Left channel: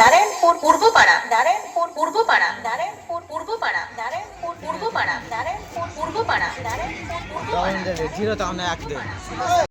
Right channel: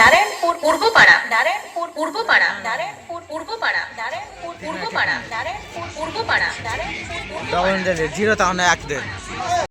Narayanpur Purbapara, Narayanpur Purbapara, Narayanpur Purbapara, Narayanpur Purbapara, Narayanpur Purbapara, Narayanpur Purbapara. Zero তাহলে 1 দেন।